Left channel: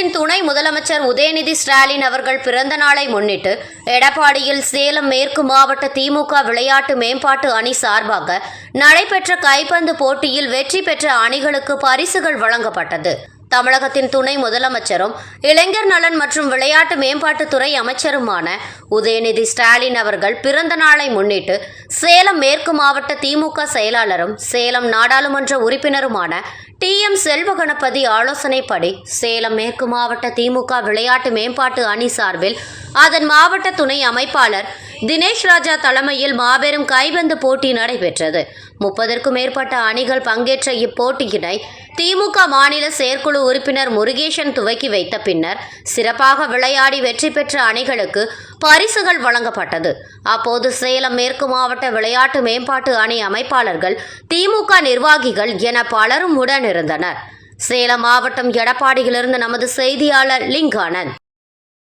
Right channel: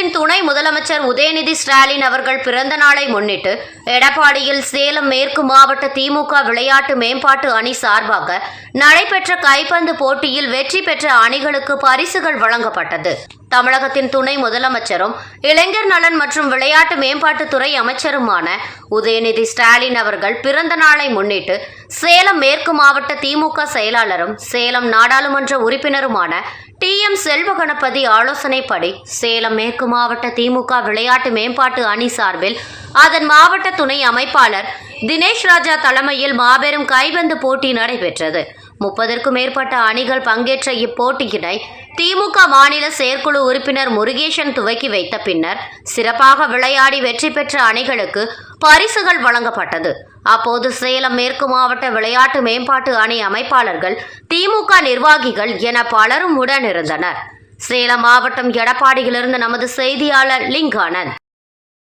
தமிழகத்தின் துணை முதலமைச்சர் உதயநிதி ஸ்டாலின் அவர்கள் பிறந்த நாளை முன்னிட்டு எடப்பாடியில் சேலம் மேற்கு மாவட்ட திமுக விளையாட்டு மேம்பாட்டு அணி சார்பாக நடைபெற்ற கைப்பந்து போட்டியில் வெற்றி பெற்ற அணிகளுக்கு பரிசுகள் வழங்கப்பட்டது. தமிழகத்தின் துணை முதலமைச்சரும் இளைஞர் நலன் மற்றும் விளையாட்டு மேம்பாட்டுத்துறை அமைச்சருமான உதயநிதி ஸ்டாலின் அவர்கள் பிறந்த நாளை முன்னிட்டு சேலம் மேற்கு மாவட்ட திமுக செயலாளரும் சேலம் நாடாளுமன்ற உறுப்பினருமான TM செல்வகணபதி ஆலோசனைப்படி சேலம் மேற்கு மாவட்ட திமுக விளையாட்டு மேம்பாட்டு அணி சார்பில் அதன் மாவட்ட துணை அமைப்பாளர் தினேஷ் ராஜா தலைமையில் மாபெரும் கைப்பந்து போட்டி நடைபெற்றது. 30க்கும் மேற்பட்ட அணிகள் பங்கேற்ற இப்போட்டியினை திமுக மாநில செயற்குழு உறுப்பினர் முருகேசன் துவக்கி வைத்த பின்னர் சிறப்பாக விளையாடி வெற்றி பெற்ற அணிகளுக்கு பரிசுகள் வழங்கப்பட்டது. அப்போது சேலம் மேற்கு மாவட்ட விளையாட்டு மேம்பாட்டு அணி அமைப்பாளர்கள், திமுக நிர்வாகிகள் என பலரும் உடனிருந்தனர். சேலம் மாவட்டம் எடப்பாடியிலிருந்து நமது செய்தியாளர் லிங்கானந்த்.